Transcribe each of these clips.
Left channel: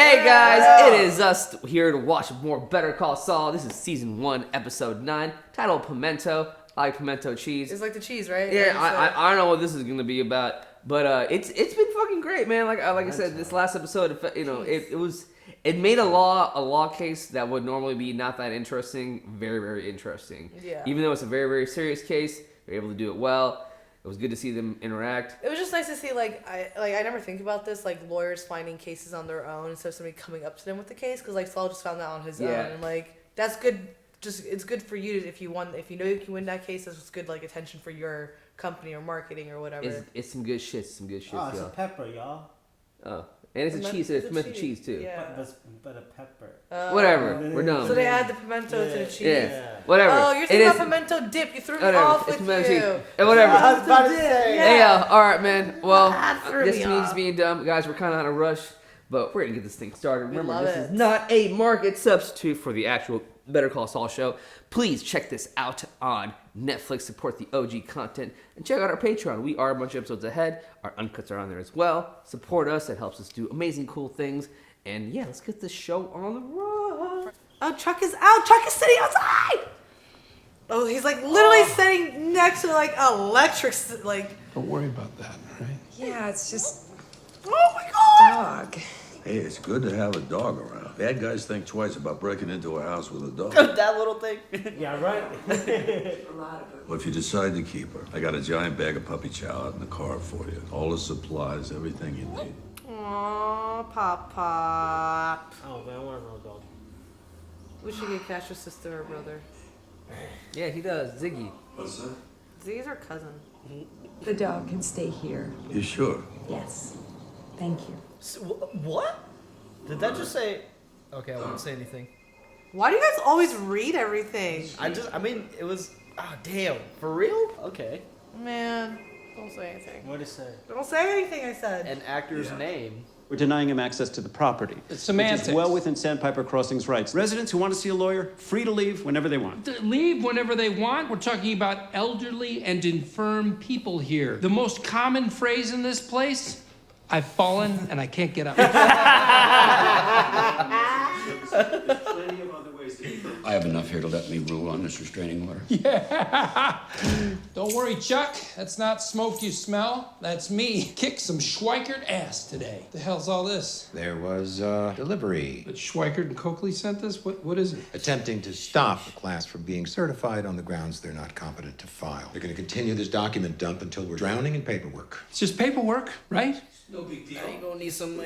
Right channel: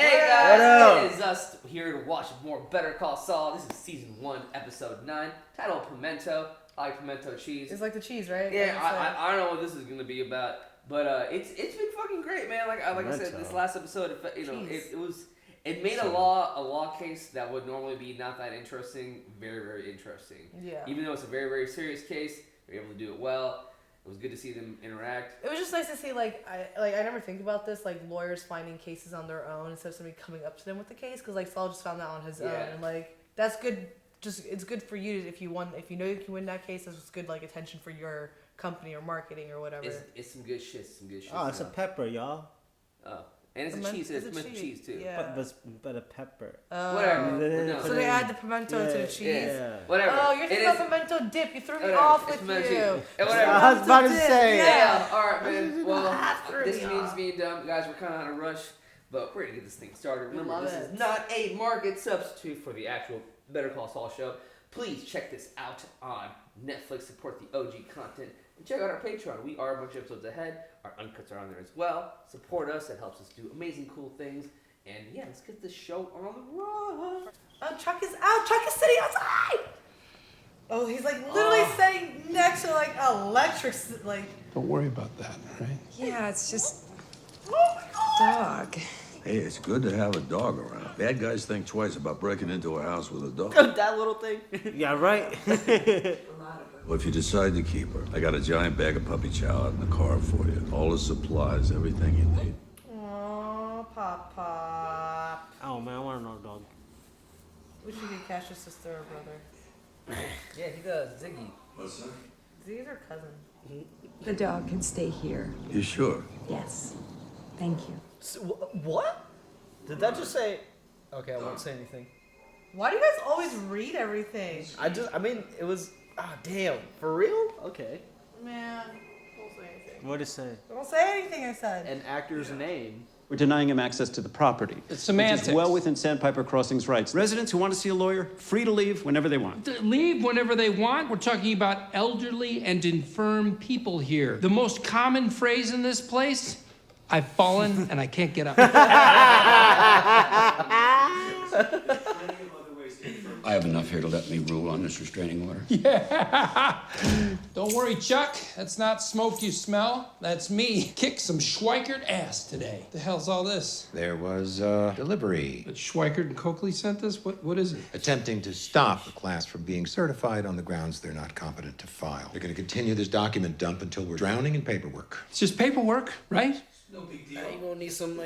Hey guys, it is us here to watch more Better Call Saul. This is season 1, episode 9, titled Pimento. I like pimento cheese. It's like the cheese, right? Yeah, I don't know what this is gonna be about, but it's been fucking great, man. Like I said, this last episode, it made a law case that would normally be not that interesting very, very interesting. Yeah. Even though it's a very, very serious case, they're able to do it well. It was good to see them interact. It was just nice to see, I never think about this, lawyers finding cases on their own instead of somebody coming up to them with the case, because, Saul just found that on his own, and, that's good. Just, it's good for you if you know you can win that case. That's just good, attention for your company or marketing or whatever. It's some good shit, Oh, it's a pepper, y'all. Oh. And it's a cheese. It's pimento cheese too. Yeah. But a pepper. Whatever. We're done. So they add the pimento to the cheese. Yeah. Whatever. Oh, you're thinking about pimento dip. You threw me off with you. And whatever. I was about to say. Yeah. All right, man. Well, this means being dumb, guys. We're kind of on a rush, but we're gonna get this thing started. Remember, this is not a market substitute for the actual Better Call Saul show. Please check this out on Netflix. Support the OG content and check out our Patreon. We are a bunch of episodes ahead. Our uncuts are on there as well. Support us. It helps us do amazing, cool things. And yeah, let's get this show on the road. Oh, Chuck is out. Chuck is sitting outside. Oh, he's literally sitting next to electric. Don't worry about that, right? Yeah, it's just Oh my god. dog. Hey, it's good to have a dog around. Bad guys think twice about breaking into a house with a dog. That little thing. Yeah, right. Well, if you decide to keep her, I got a giant bag of puppy chow out in the car for you. All the supplies, everything you need. Aww, Papa. Oh man, I want another dog. We should get Cash's sister or brother. Yeah, he does. Ziggy. What's that? Ziggy's our cousin. The dog can stay here. You sure? Yes. Thank you. What? Did that just say? Okay, I won't say anything. Why do you guys always read everything? It was. Ah, damn. For real? Okay. Man, don't say anything. What did it say? Don't say anything, I said. An actor's name. We're denying him access to the property. It's semantics. Which is well within Sandpiper Crossing's rights. Residents who want to see a lawyer, free to leave whenever they want. Leave whenever they want. We're talking about elderly and infirm people here. The most common phrase in this place, I've fallen and I can't get up. I have enough here to let me rule on this restraining order. Yeah. Don't worry, Chuck. That's not smoke you smell. That's me. Kick some Schweikert ass today. The hell's all this? There was delivery. But Schweikert and Coakley sent this? What is it? Attempting to stop the class from being certified on the grounds they're not competent to file. They're going to continue this document dump until we're drowning in paperwork. It's just paperwork, right? No big deal. You gonna need some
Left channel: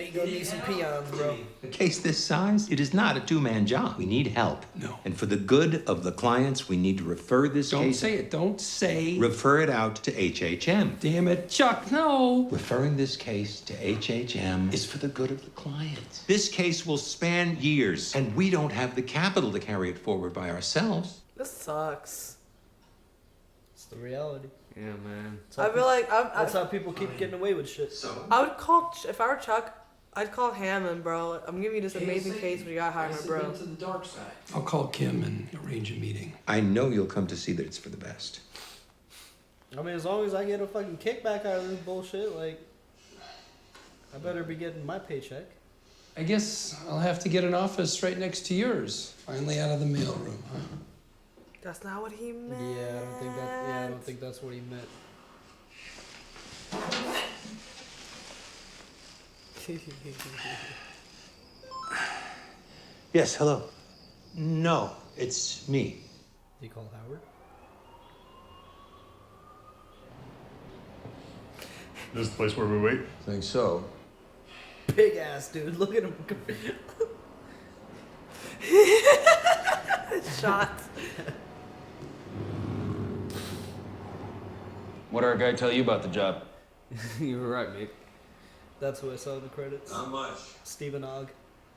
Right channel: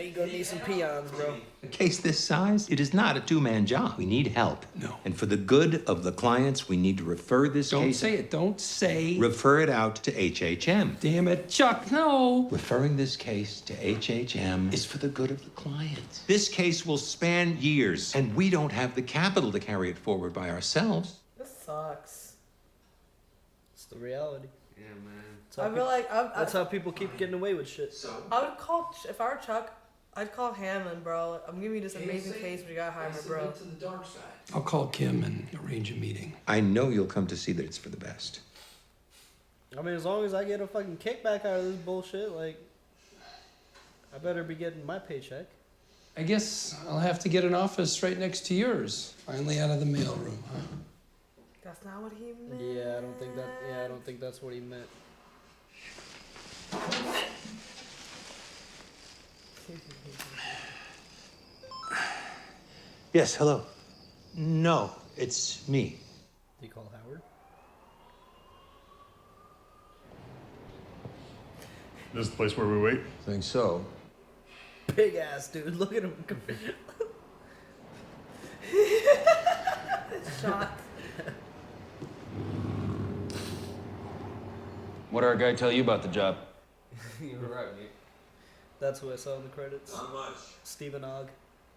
peons, bro. A case this size, it is not a two-man job. We need help. No. And for the good of the clients, we need to refer this Don't case... say it. Don't say... Refer it out to HHM. Damn it, Chuck, no. Referring this case to HHM is for the good of the clients. This case will span years, and we don't have the capital to carry it forward by ourselves. This sucks. It's the reality. Yeah, man. I feel like That's how people keep getting away with shit. I would call if I were Chuck. I'd call Hammond, bro. I'm giving you this amazing case, but you gotta hire him, bro. I'll call Kim and arrange a meeting. I know you'll come to see that it's for the best. I mean, as long as I get a fucking kickback out of this bullshit, I better be getting my paycheck. I guess I'll have to get an office right next to yours. Finally out of the mailroom, huh? That's not what he meant. Yeah, I don't think that's what he meant. Yes, hello. No, it's me. You call Howard? This is the place where we wait? Think so. Big ass dude. Look at him. Shots. What did our guy tell you about the job? You were right, mate. That's who I saw in the credits. Not much. Stephen Ogg.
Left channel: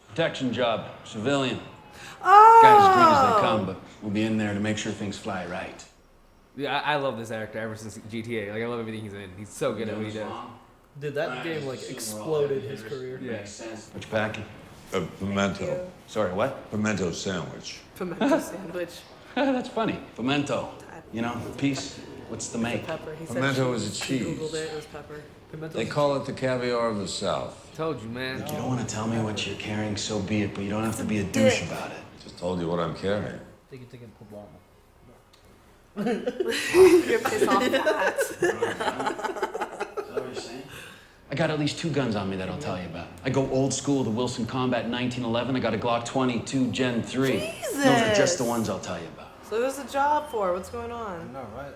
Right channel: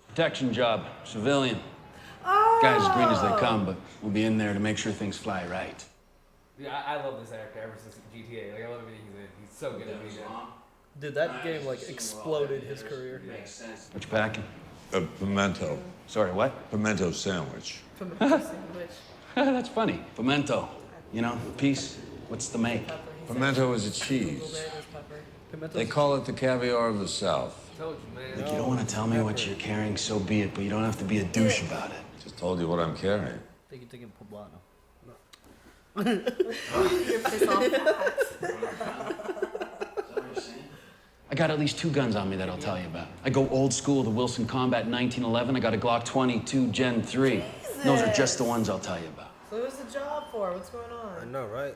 Protection job, civilian. Oh! Guys as green as they come, but we'll be in there to make sure things fly right. Yeah, I love this actor ever since GTA. I love everything he's in. He's so good at what he does. Dude, that game exploded his career. Yeah. What you packing? A pimento. Sorry, what? Pimento sandwich. Pimento sandwich. That's funny. Pimento. You know, peace. What's the make? Pepper. He said Pimento is a Googled cheese. it, it was pepper. Pimento. They call it the caviar of the South. Told you, man. Look, you don't want to tell me what you're carrying, so be it, but you don't have to be a douche about it. Just told you what I'm carrying. Take it poblano. You're pissed off that. I got at least 2 guns on me that I'll tell you about. I go old school, the Wilson Combat 1911. I got a Glock 22 Gen 3. Jesus. Those are just the ones I'll tell you about. So what's the job for? What's going on? I know, right?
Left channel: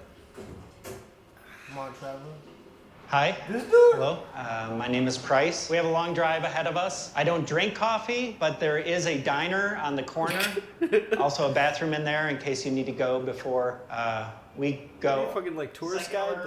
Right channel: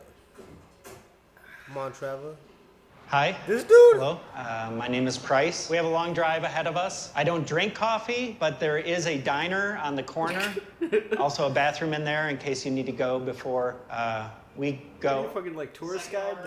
Come on, Trevor. Hi. This dude. Hello. My name is Price. We have a long drive ahead of us. I don't drink coffee, but there is a diner on the corner. Also a bathroom in there in case you need to go before we go. Are you fucking like tourist guide?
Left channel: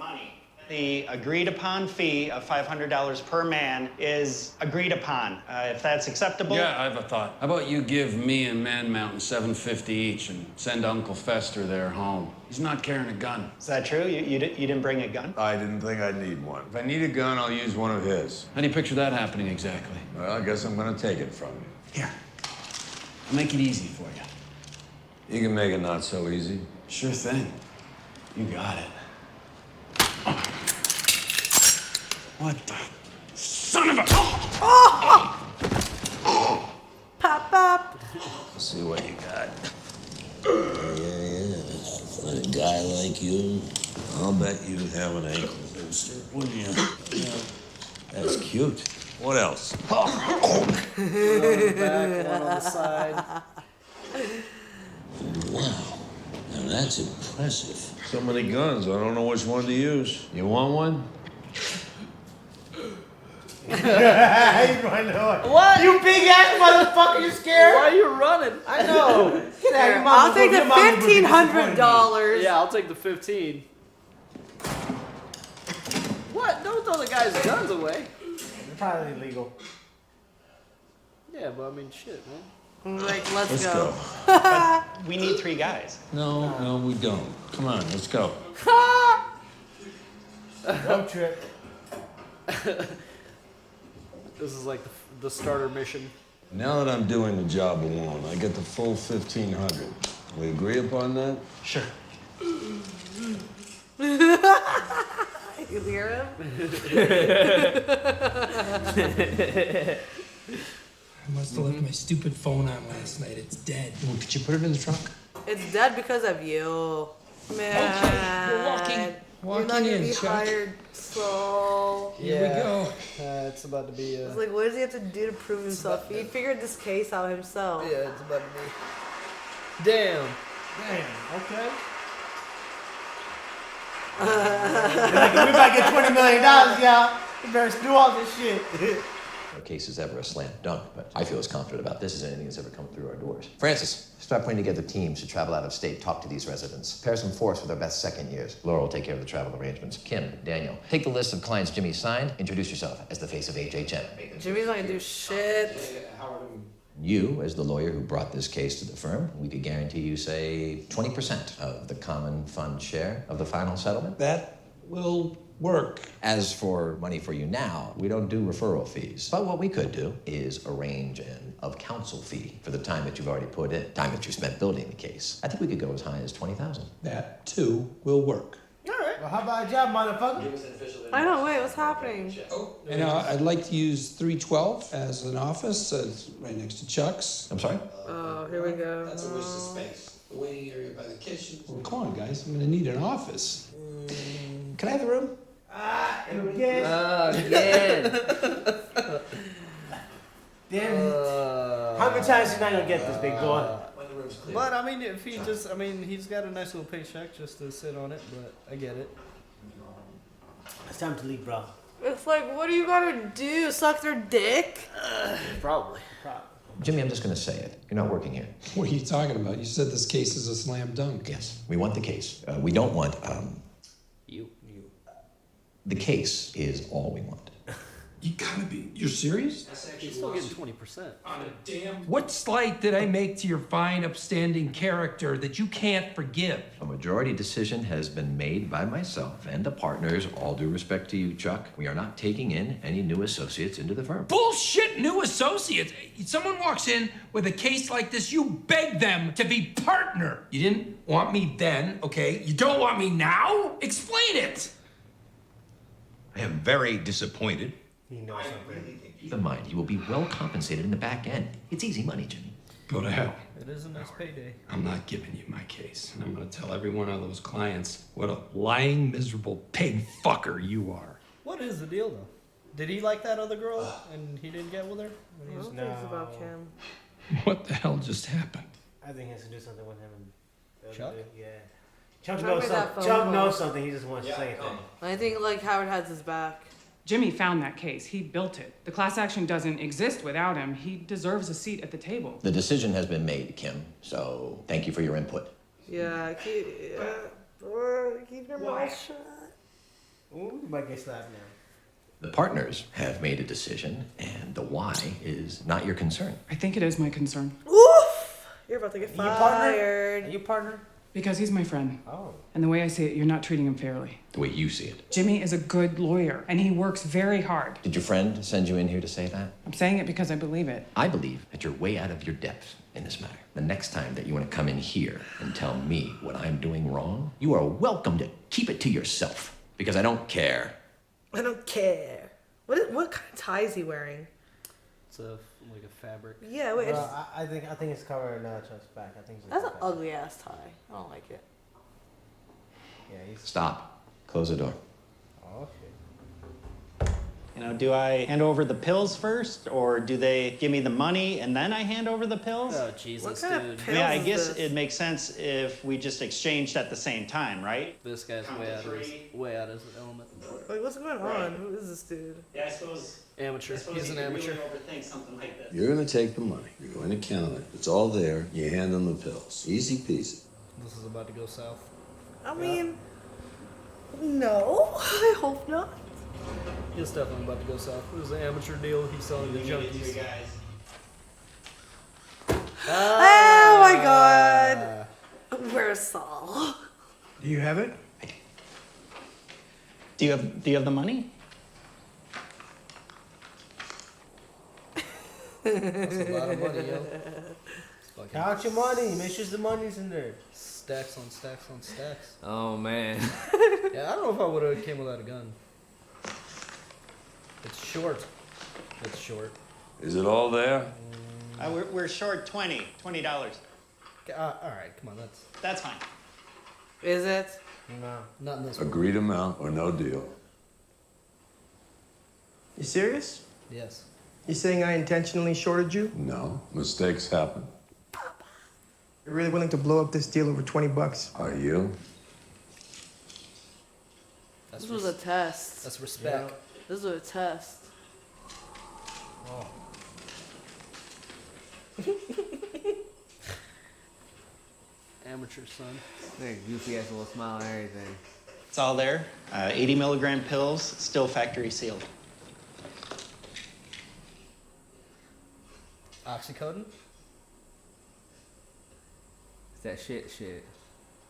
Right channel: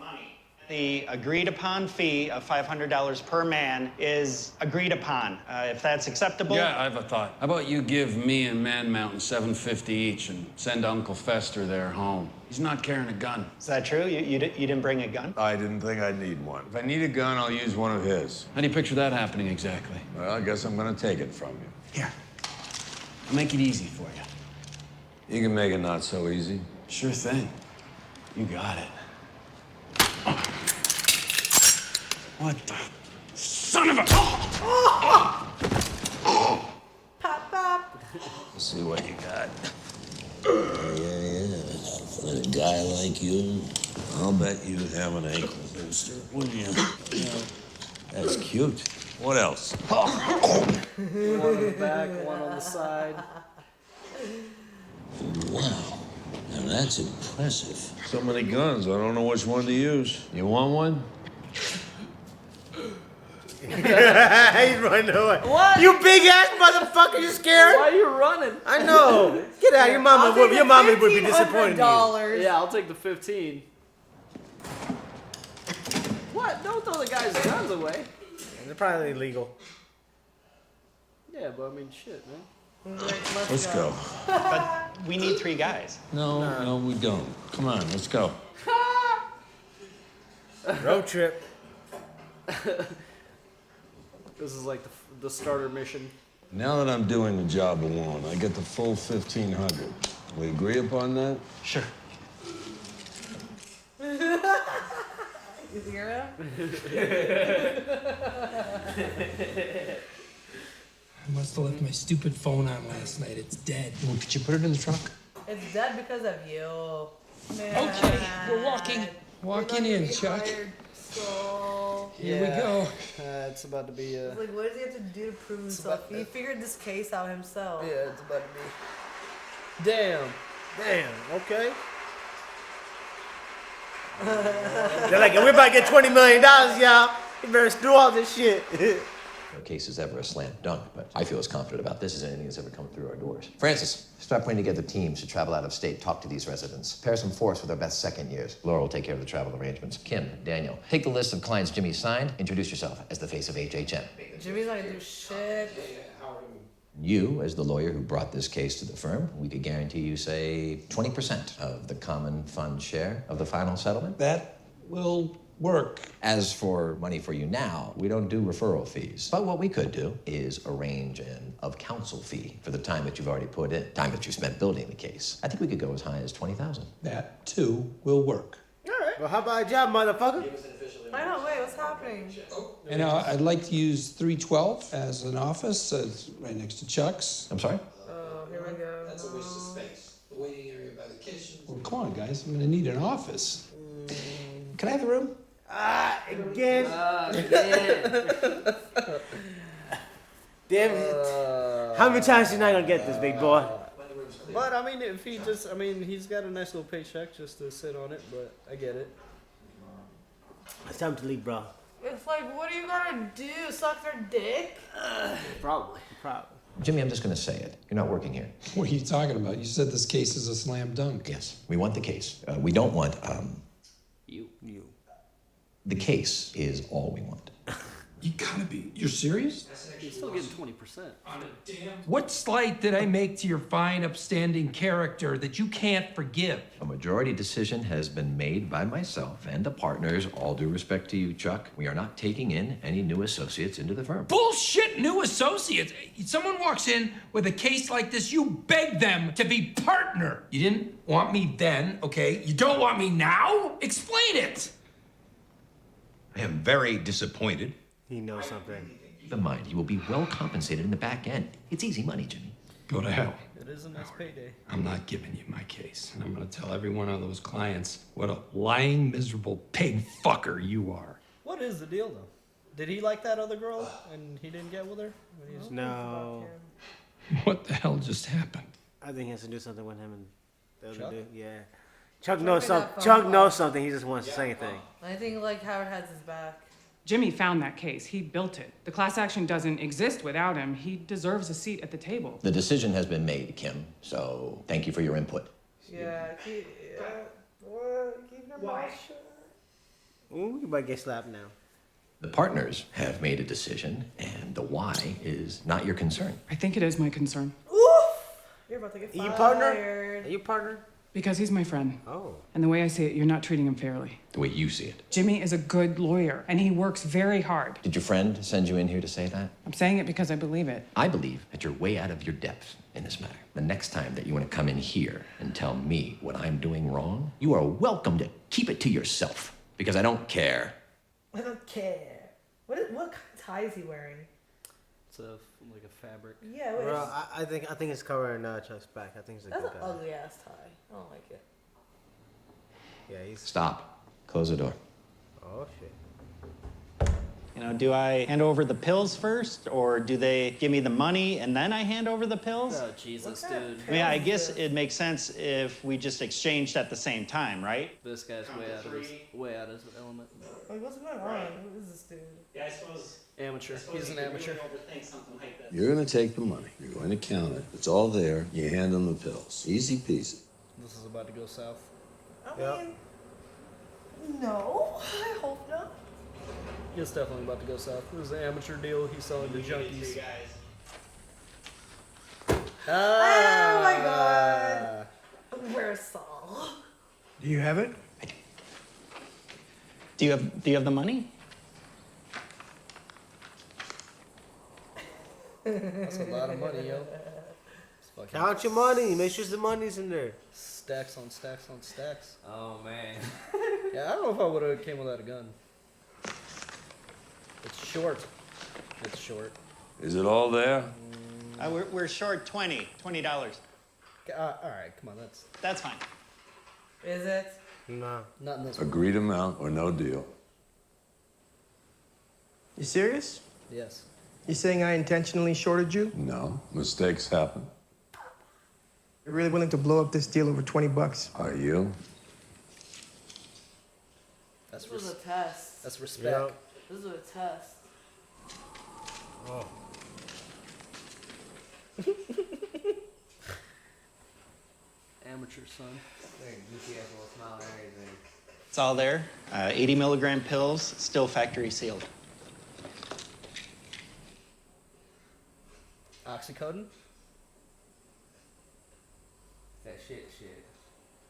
Money. The agreed upon fee of $500 per man is agreed upon. If that's acceptable. Yeah, I have a thought. How about you give me and Man Mountain $750 each and send Uncle Fester there home? He's not carrying a gun. Is that true? You didn't bring a gun? I didn't think I'd need one. If I need a gun, I'll use one of his. How do you picture that happening exactly? Well, I guess I'm gonna take it from you. Here. I'll make it easy for you. You can make it not so easy. Sure thing. You got it. What the son of a... Pop, pop. Let's see what you got. Yeah. For a guy like you, I'll bet you have an ankle booster, wouldn't you? Yeah. That's cute. What else? One on the back, one on the side. Wow. Now that's impressive. So many guns, I don't know which one to use. You want one? He's running away. What? You big ass motherfucker, you scared? Why are you running? I know. Get out of your mama. I'll take the your mama would be disappointed in you. $1,500. Yeah, I'll take the 15. What? Don't throw the guy's guns away. They're probably illegal. Yeah, but I mean, shit, man. Like, Let's go. But we need 3 guys. No, we don't. Come on, let's go. Road trip. This is like the starter mission. Now that I'm doing the job alone, I get the full 1,500. We agree upon that? Sure. You hear him? I must have left my stupid phone on last night. It's dead. Well, could you put it in the trunk? It's dead because of you. Man. Okay, we're walking You're in, not Chuck. hired, so. Here we go. It's about to be. It's like, what does he have to do to prove himself? He figured this case out himself. Yeah, it's about to be. Damn. Okay. They're like, we're about to get $20 million, y'all. You better do all this shit. No case is ever a slam dunk, but I feel as confident about this as anything that's ever come through our doors. Francis, start putting together teams to travel out of state, talk to these residents. Pair some force with our best second years. Laura will take care of the travel arrangements. Kim, Daniel, take the list of clients Jimmy signed. Introduce yourself as the face of HHM. Jimmy's not gonna do shit. You, as the lawyer who brought this case to the firm, we could guarantee you, say, 20% of the common fund share of the final settlement. That will work. As for money for you now, we don't do referral fees. But what we could do is arrange an of-counsel fee for the time that you've already put in, time that you spent building the case. I think we could go as high as $20,000. That, too, will work. All right. Well, how about a job, motherfucker? I know, wait, what's happening? And I'd like to use 312 as an office, right next to Chuck's. I'm sorry? Oh, here we go. That's a waste of space. The waiting area by the kitchen. Well, come on, guys. I'm gonna need an office. Can I have the room? Again. Again. Damn it. How many times you not gonna get this, big boy? But I mean, if he just, I mean, he's got a nice little paycheck just to sit on it, but I get it. It's time to leave, bro. It's like, what do you gotta do? Suck their dick? Probably. Jimmy, I'm just going to say it. You're not working here. What are you talking about? You said this case is a slam dunk. Yes, we want the case. We don't want, You. the case is all we want. You gotta be. You're serious? He's still getting 20%. What slight did I make to your fine, upstanding character that you can't forgive? A majority decision has been made by myself and the partners. All due respect to you, Chuck. We are not taking in any new associates into the firm. Bullshit new associates. Someone walks in with a case like this, you beg them to be partner. You didn't want me then, okay? You don't want me now? Explain it. I am very disappointed He knows something. Keep in mind, he will be well compensated in the back end. It's easy money, Jimmy. Go to hell. It is a nice payday. I'm not giving you my case, and I'm gonna tell every one of those clients what a lying, miserable pig fucker you are. What is the deal, though? Did he like that other girl and he didn't get with her? No. What the hell just happened? I think he has to do something with him and the other Chuck? dude. Yeah. Chuck knows something. Chuck knows something. He just wants to say anything. I think like Howard has his back. Jimmy found that case. He built it. The class action doesn't exist without him. He deserves a seat at the table. The decision has been made, Kim, so thank you for your input. Yeah, keep your mouth shut. Ooh, you might get slapped now. The partners have made a decision, and the why is not your concern. I think it is my concern. Oof! You're about to get Are you fired. Are you partner? Because he's my friend. Oh. And the way I see it, you're not treating him fairly. The way you see it. Jimmy is a good lawyer, and he works very hard. Did your friend send you in here to say that? I'm saying it because I believe it. I believe that you're way out of your depth in this matter. The next time that you want to come in here and tell me what I'm doing wrong, you are welcome to keep it to yourself, because I don't care. I don't care. What kind of tie is he wearing? It's like a fabric. Yeah, wait. Bro, I think it's covering Chuck's back. I think it's like That's an ugly ass tie. I don't like it. Yeah, he's. Stop. Close the door. Oh shit. You know, do I hand over the pills first, or do they give me the money and then I hand over the pills? Oh, Jesus, dude. I mean, I guess it makes sense if we just exchanged at the same time, right? This guy's way out of his element. Like, what's going on? Who is this dude? Yeah, I suppose. Amateur. He's an amateur. Overthink something like this. You're going to take the money. You're going to count it. It's all there. You hand them the pills. Easy peasy. This is about to go south. I mean, no. I hope not. It's definitely about to go south. It was an amateur deal. He's selling the junkies. Oh my god. Where's Saul? Do you have it? I do. Do you have the money? That's a lot of money, yo. Count your money. Make sure the money's in there. Stacks on stacks on stacks. Oh man. Yeah, I don't know if I would have came without a gun. It's short. It's short. Is it all there? We're short $20. All right, come on, That's fine. Is it? No. not in this one. Agreed amount or no deal. You serious? Yes. You saying I intentionally shorted you? No. Mistakes happen. You're really willing to blow up this deal over $20? Are you? This was a test. That's respect. Yep. This was a test. Oh. Amateur, son. Goofy ass little smile and everything. It's all there. 80 milligram pills, still factory sealed. Oxycodone? It's that shit.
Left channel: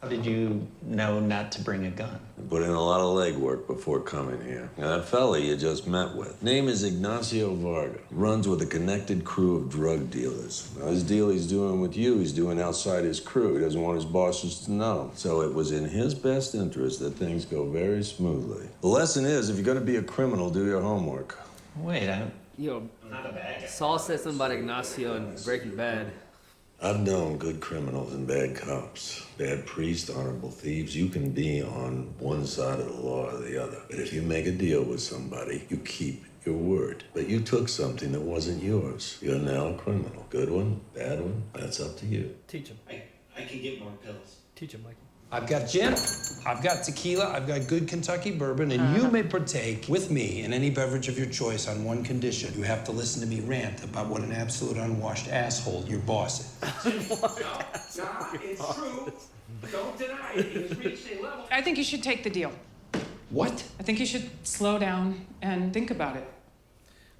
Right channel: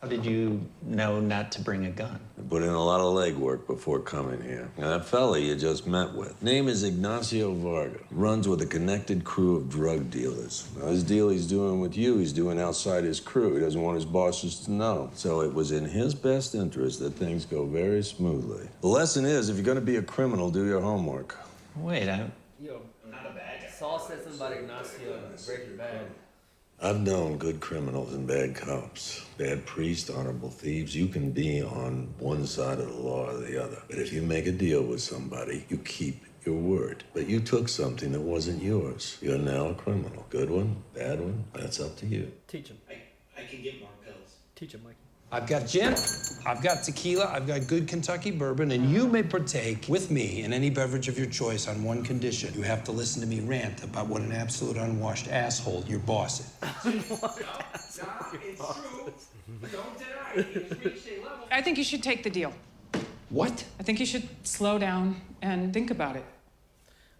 How did you know not to bring a gun? I put in a lot of legwork before coming here. Now, that fella you just met with, name is Ignacio Varga. Runs with a connected crew of drug dealers. Now, this deal he's doing with you, he's doing outside his crew. He doesn't want his bosses to know. So it was in his best interest that things go very smoothly. The lesson is, if you're gonna be a criminal, do your homework. Wait, Yo, Saul said something about Ignacio and Breaking Bad. I've known good criminals and bad cops, bad priests, honorable thieves. You can be on one side of the law or the other. But if you make a deal with somebody, you keep your word. But you took something that wasn't yours. You're now a criminal. Good one, bad one, that's up to you. Teach him. I can get more pills. Teach him, Mikey. I've got gin, I've got tequila, I've got good Kentucky bourbon, and you may partake with me in any beverage of your choice on one condition. You have to listen to me rant about what an absolute unwashed asshole your boss is. It's true. Don't deny it. He's reached a level. I think you should take the deal. What? I think you should slow down and think about it.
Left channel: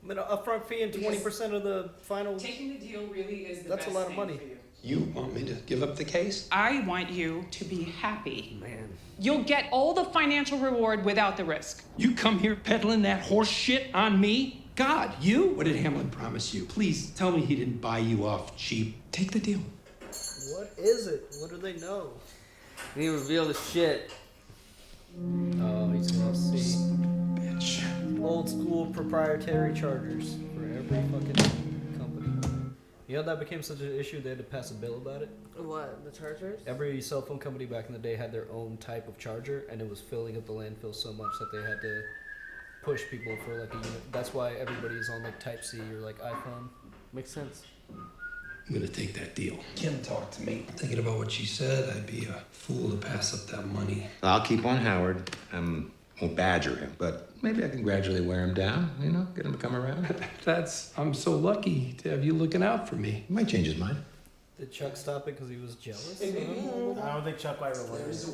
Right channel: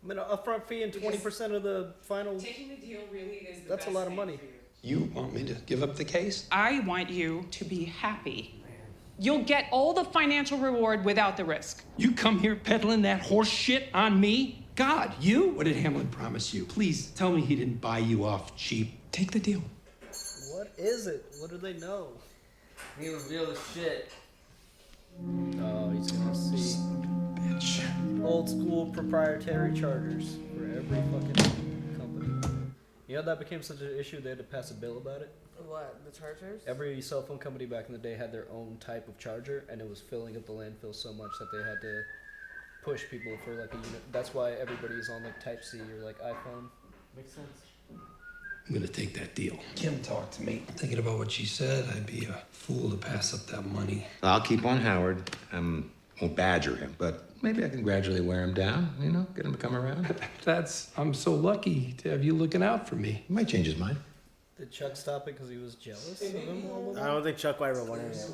I mean, upfront fee and 20% of the final. Taking the deal really is the That's a lot of money. You want me to give up the case? I want you to be happy. Man. You'll get all the financial reward without the risk. You come here peddling that horse shit on me? God, you? What did Hamlin promise you? Please tell me he didn't buy you off cheap. Take the deal. What is it? What do they know? He revealed the shit. Oh, he's gonna see. Bitch. old school proprietary chargers for every fucking company. You know that became such an issue they had to pass a bill about it? What, the chargers? Every cell phone company back in the day had their own type of charger, and it was filling up the landfill so much that they had to push people for like a unit. That's why everybody's on like Type C or like iPhone. Makes sense. I'm gonna take that deal. Kim talked to me. Thinking about what she said, I'd be a fool to pass up that money. I'll keep on Howard. Won't badger him, but maybe I can gradually wear him down, you know, get him to come around. I'm so lucky to have you looking out for me. He might change his mind. Did Chuck stop it because he was jealous? I don't think Chuck ever wanted it.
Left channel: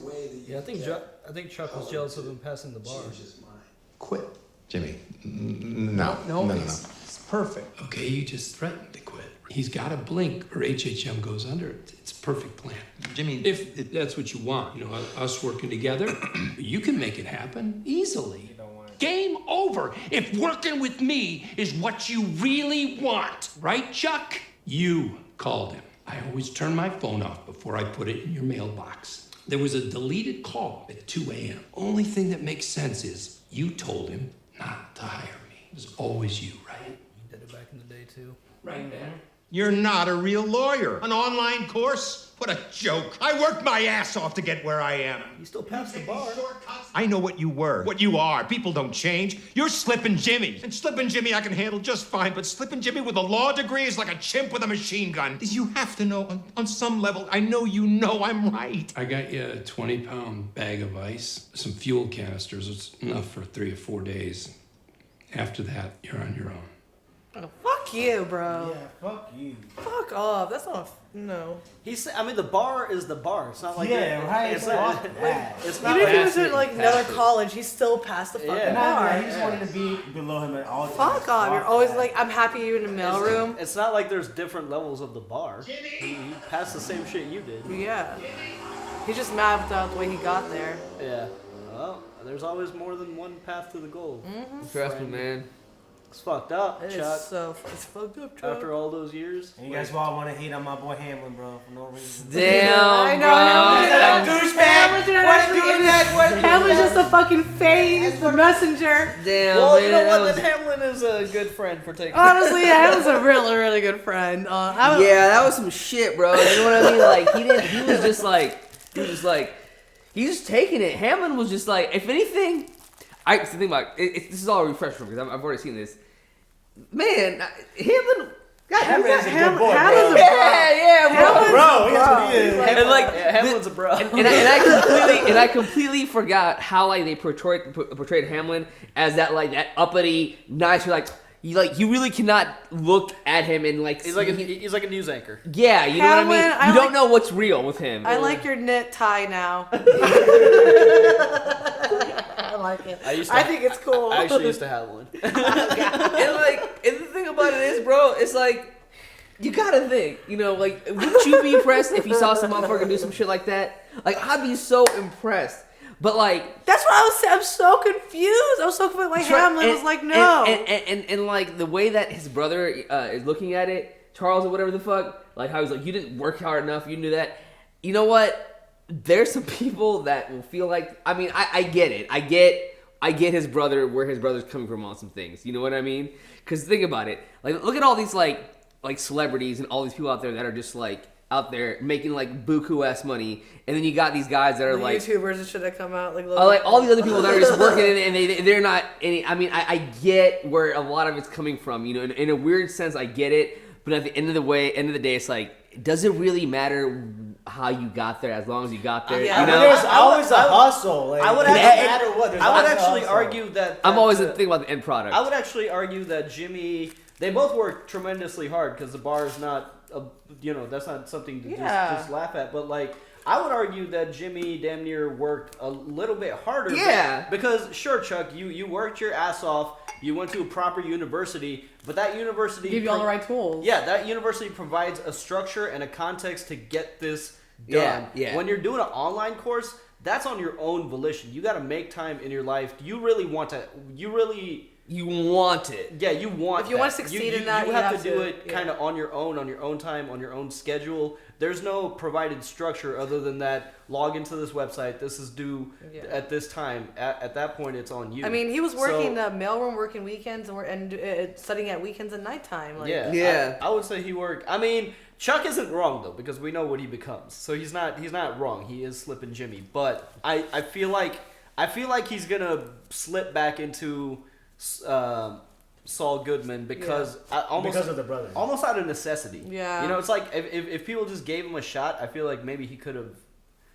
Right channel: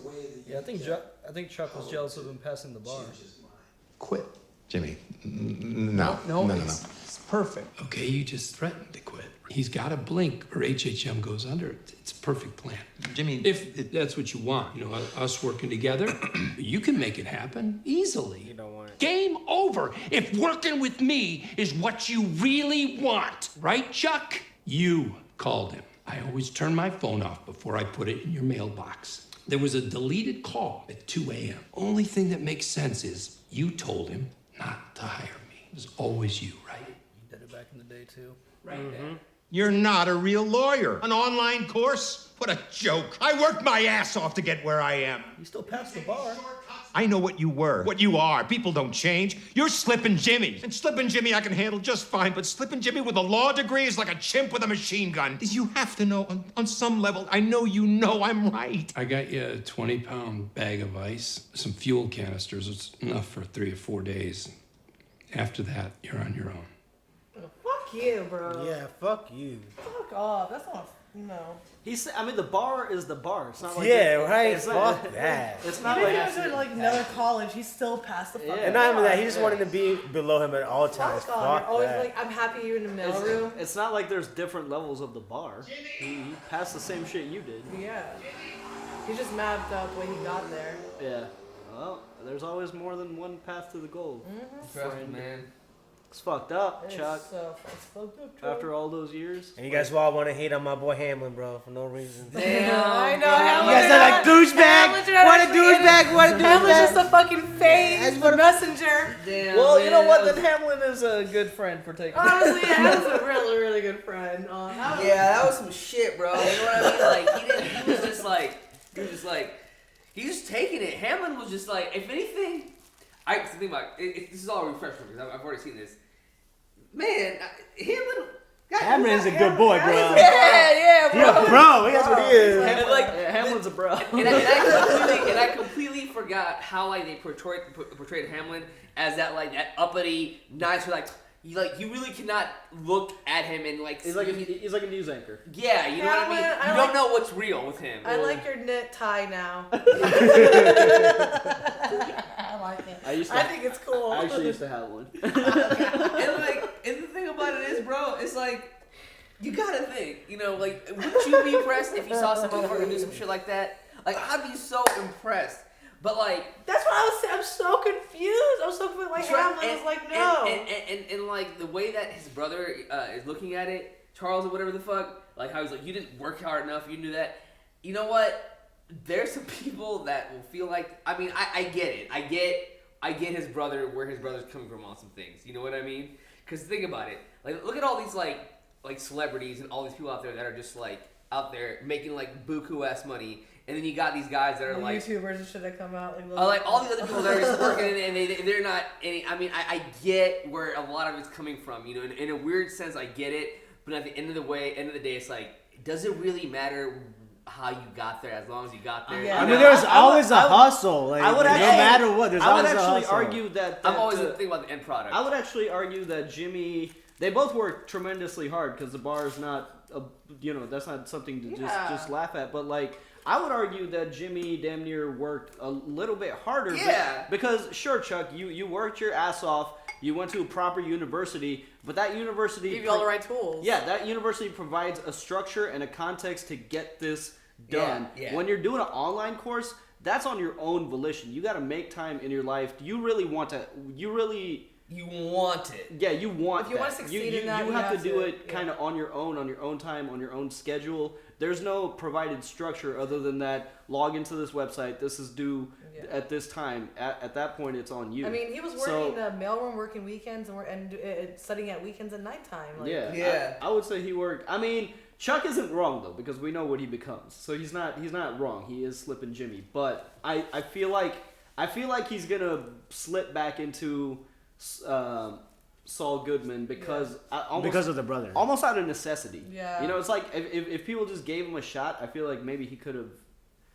Yeah, I think Chuck was jealous of him passing the bar. Quit. Jimmy, no. It's perfect. Okay, you just threatened to quit. He's got to blink or HHM goes under. It's a perfect plan. Jimmy, if that's what you want, you know, us working together, you can make it happen easily. Game over. If working with me is what you really want, right, Chuck? You called him. I always turn my phone off before I put it in your mailbox. There was a deleted call at 2 a.m. Only thing that makes sense is you told him not to hire me. It was always you, right? You did it back in the day too. Right there. You're not a real lawyer. An online course? What a joke. I worked my ass off to get where I am. You still passed the bar. I know what you were, what you are. People don't change. You're Slippin' Jimmy. And Slippin' Jimmy I can handle just fine, but Slippin' Jimmy with a law degree is like a chimp with a machine gun. You have to know, on some level, I know you know I'm right. I got you a 20-pound bag of ice, some fuel canisters. It's enough for 3 or 4 days. After that, you're on your own. Fuck you, bro. Yeah, fuck you. Fuck off. That's not. No. I mean, the bar is the bar. It's not like right. It's Fuck not that. It's Even not if he was in like another college, he still passed the fucking bar. No, he just wanted to be below him at all times. Fuck off. You're always like, I'm happy you're in the mailroom. It's not like there's different levels of the bar. He passed the same shit you did. Yeah. He's just mad about the way he got there. Yeah. Well, there's always more than one path to the goal. Trust me, man. It's fucked up, It's Chuck. it's fucked up, Chuck. After all those years. And you guys all want to hate on my boy Hamlin, bro, for no reason. Damn, I know. You guys are a douchebag. What a douchebag. What a douchebag. Hamlin's just a fucking face, the messenger. Damn, Well, man, you know what? that Then Hamlin is a good friend for taking. Honestly, Hamlin's a really, really good friend. Yeah, that was some shit, bro. You know what I mean? Like, he was just taking it. Hamlin was just like, if anything, I think about it, this is all a refresh for me because I've already seen this. Man, Hamlin. Hamlin's a good boy, bro. Yeah, Bro, that's what he is. And like, Hamlin's a bro. And I completely forgot how like they portrayed Hamlin as that like that uppity, nice, you really cannot look at him and like He's like a news anchor. yeah, you know Hamlin, what I mean. You don't know what's real with him. I like your knit tie now. I like it. I think it's cool. I actually used to have one. and the thing about it is, bro, it's like you gotta think, you know, like wouldn't you be impressed if you saw some motherfucker do some shit like that? Like I'd be so impressed. But like that's what I was saying. I'm so confused. I was so confused. Like Hamlin was like, no. And like the way that his brother is looking at it, Charles or whatever the fuck, like how he's like, you didn't work hard enough, you didn't do that. You know what? There's some people that will feel like, I mean, I get it. I get his brother, where his brother's coming from on some things. You know what I mean? Because think about it. Like, look at all these like celebrities and all these people out there that are just like out there making like buku-ass money, and then you got these guys that are the like YouTubers and shit that come out like all these other people that are just working and they're not any. I mean, I get where a lot of it's coming from. You know, in a weird sense, I get it. But at the end of the day, it's like, does it really matter how you got there as long as you got there? Yeah, there's always a hustle. Like, I would no matter what. I would actually argue that I'm always thinking about the end product. I would actually argue that Jimmy. They both work tremendously hard because the bar is not, that's not something to just laugh at. But like, I would argue that Jimmy damn near worked a little bit harder. Yeah. Because sure, Chuck, you worked your ass off. You went to a proper university, but that university give you all the right tools. Yeah, that university provides a structure and a context to get this done. Yeah. When you're doing an online course, that's on your own volition. You got to make time in your life. You really want to. You really You want it. Yeah, you want. If you want to succeed in that, you have to do it kind of on your own time, on your own schedule. There's no provided structure other than that. Log into this website. This is due at this time. At that point, it's on you. I mean, he was working the mailroom, working weekends, and studying at weekends at nighttime. Like, I would say he worked. I mean, Chuck isn't wrong though, because we know what he becomes. So he's not wrong. He is Slippin' Jimmy, but I feel like he's gonna slip back into Saul Goodman because because of the brother, almost out of necessity. Yeah, you know, it's like if people just gave him a shot, I feel like maybe he could have,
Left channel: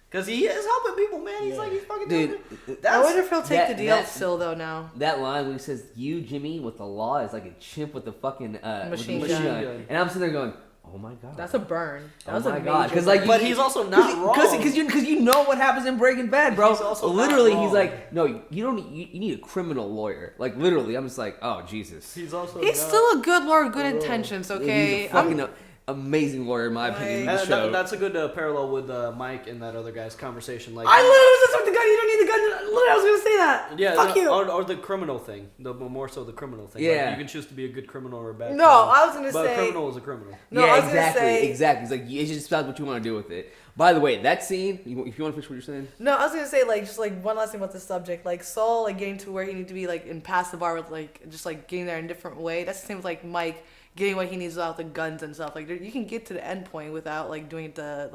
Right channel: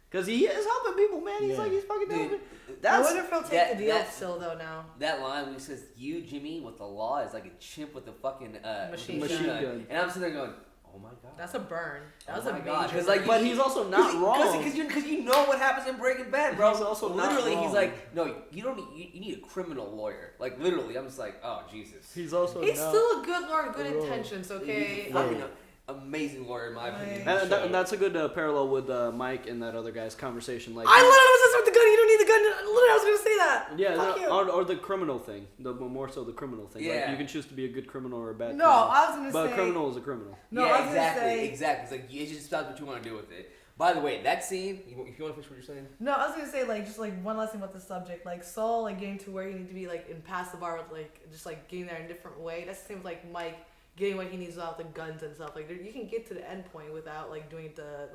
because he is helping people, man. He's like he's fucking doing it. I wonder if he'll take the deal still though now. That line when he says "you Jimmy" with the law is like a chimp with the fucking machine gun, and I'm sitting there going, oh my god, that's a burn. That was my a god, because but he's also not wrong. Because you know what happens in Breaking Bad, bro. He's also literally, not he's wrong. like, no, you don't. You need a criminal lawyer. Like literally, I'm just like, oh Jesus. He's also he's still a good lawyer, good intentions. Okay, He's a fucking amazing lawyer in my opinion. And that's a good parallel with Mike and that other guy's conversation. Like I literally was just with the gun. You don't need the gun. Literally, I was gonna say that. Yeah, fuck you. Or the criminal thing. More so the criminal thing. Yeah, like, you can choose to be a good criminal or a bad. No, criminal. I was gonna but say. a criminal is a criminal. No, yeah, I was exactly, gonna say, exactly. It's like it's just about what you want to do with it. By the way, that scene. If you want to finish what you're saying. No, I was gonna say like just like one last thing about this subject. Like Saul, like getting to where he needs to be, like in past the bar with like just like getting there in a different way. That's the same with like Mike getting what he needs without the guns and stuff. Like you can get to the end point without like doing it the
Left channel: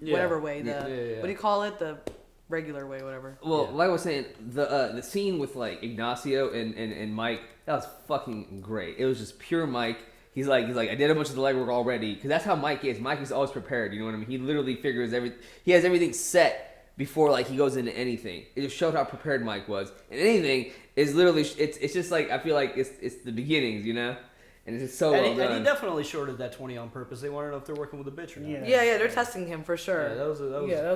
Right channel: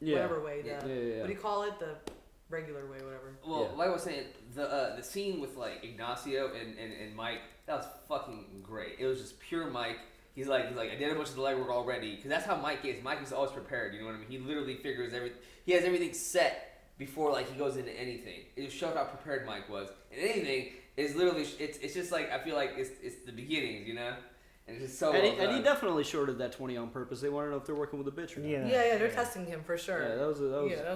whatever way. What do you call it? The regular way, whatever. Well, like I was saying, the scene with like Ignacio and Mike, that was fucking great. It was just pure Mike. He's like I did a bunch of the legwork already, because that's how Mike is. Mike is always prepared. You know what I mean? He literally figures he has everything set before like he goes into anything. It just showed how prepared Mike was. And anything is literally it's just like I feel like it's the beginnings, you know. And it's just so well done. And he definitely shorted that 20 on purpose. They want to know if they're working with a bitch or not. Yeah, they're testing him for sure. Yeah, that was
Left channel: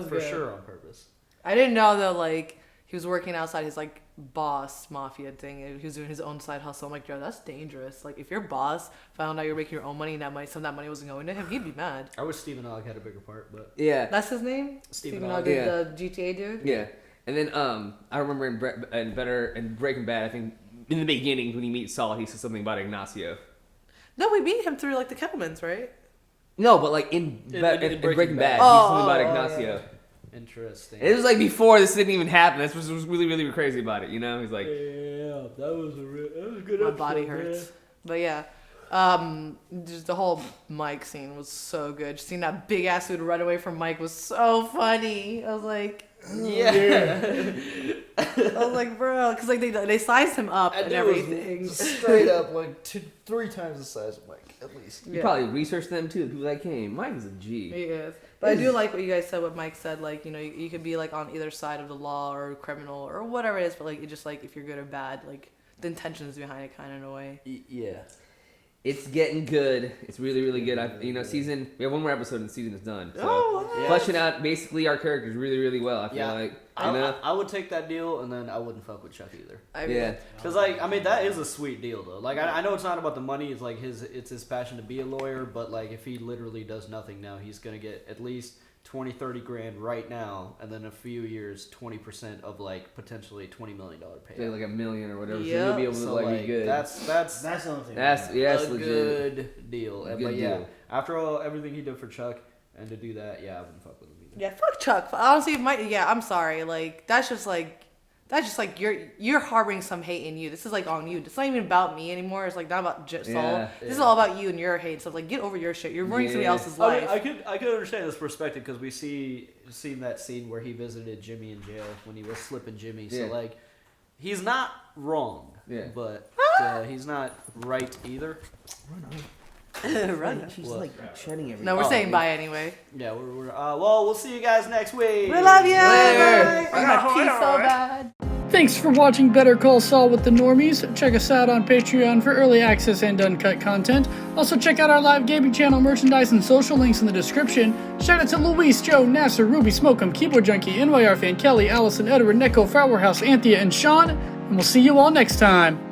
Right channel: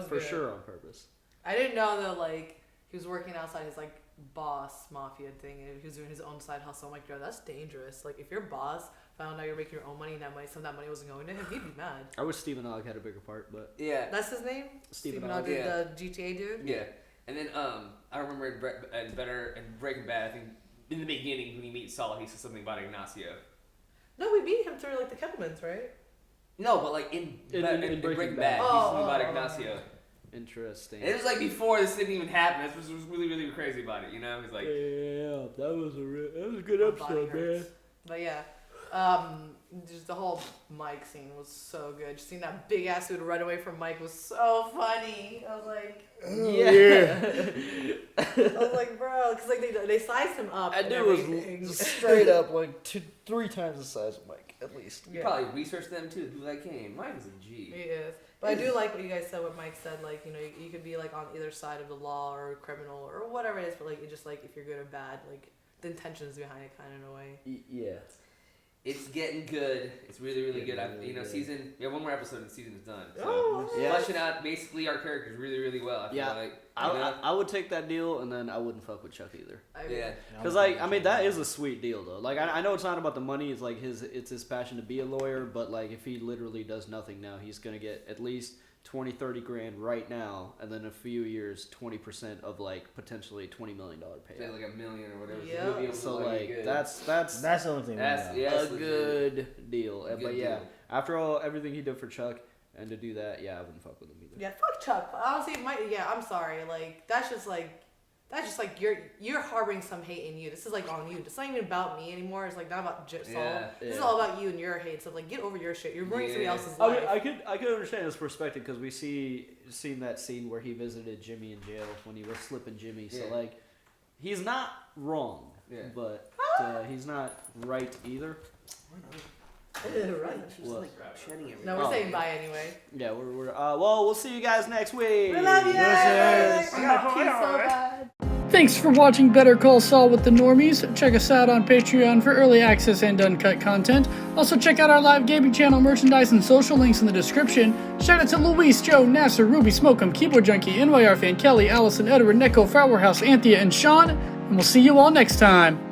for good. sure on purpose. I didn't know that like he was working outside his like boss mafia thing. He was doing his own side hustle. I'm like, yo, that's dangerous. Like if your boss found out you're making your own money and some of that money wasn't going to him, he'd be mad. I wish Stephen Ogg had a bigger part, but that's his name. Stephen Ogg, the GTA dude. Yeah, and then I remember in Breaking Bad, I think in the beginning when he meets Saul, he says something about Ignacio. No, we beat him through like the Kettlemans, right? No, but like in Breaking Bad, he said something about Ignacio. Yeah. Interesting. It was like before this didn't even happen. That's what was really, really crazy about it. You know, he's like, that was a good My episode. body hurts. Man. But yeah, just the whole Mike scene was so good. Just seeing that big ass dude run away from Mike was so funny. I was like, yeah. I was like, bro, because like they sized him up and everything. Straight up like 3 times the size of Mike, at least. you probably researched them too. The people that came, Mike is a G. He is. But I do like what you guys said, what Mike said, like, you know, you can be like on either side of the law or criminal or whatever it is, but like it just like if you're good or bad, like the intentions behind it kind of in a way. Yeah. It's getting good. It's really, really good. We have one more episode and the season is done. So fleshing out basically our characters really, really well. I feel like. I would take that deal, and then I wouldn't fuck with Chuck either. Because that is a sweet deal though. Like I know it's not about the money. It's like it's his passion to be a lawyer. But like if he literally does nothing now, he's gonna get at least 20-30 grand right now, and then in a few years 20% of like potentially $20 million pay. Say like $1 million or whatever. Yeah. So you'll be able to like be good. That's the only thing. That's a legit. good deal. Good But yeah, deal. after everything he did for Chuck, and to do that, I wouldn't fuck with him either. Yeah, fuck Chuck. Honestly, I'm sorry. Like that's just like you're harboring some hate in you. This is like on you. It's not even about me anymore. It's like not about Saul. This is all about you and your hate. So like, get over your shit. You're ruining somebody else's life. I could understand this perspective because we seen that scene where he visited Jimmy in jail when he was slipping Jimmy. So like, he's not wrong. But he's not right either. Right. She's like shedding everything. No, we're saying bye anyway. Yeah, we're well, we'll see you guys next week. We love you. Later. I got so bad. Thanks for watching Better Call Saul with the Normies. Check us out on Patreon for early access and uncut content. Also check out our live gaming channel, merchandise, and social links in the description. Shout out to Luis, Joe, Nasser, Ruby, Smoke'em, Keyboard Junkie, NYR Fan, Kelly, Allison, Edward, Neko, Flower House, Anthea, and Sean. And we'll see you all next time.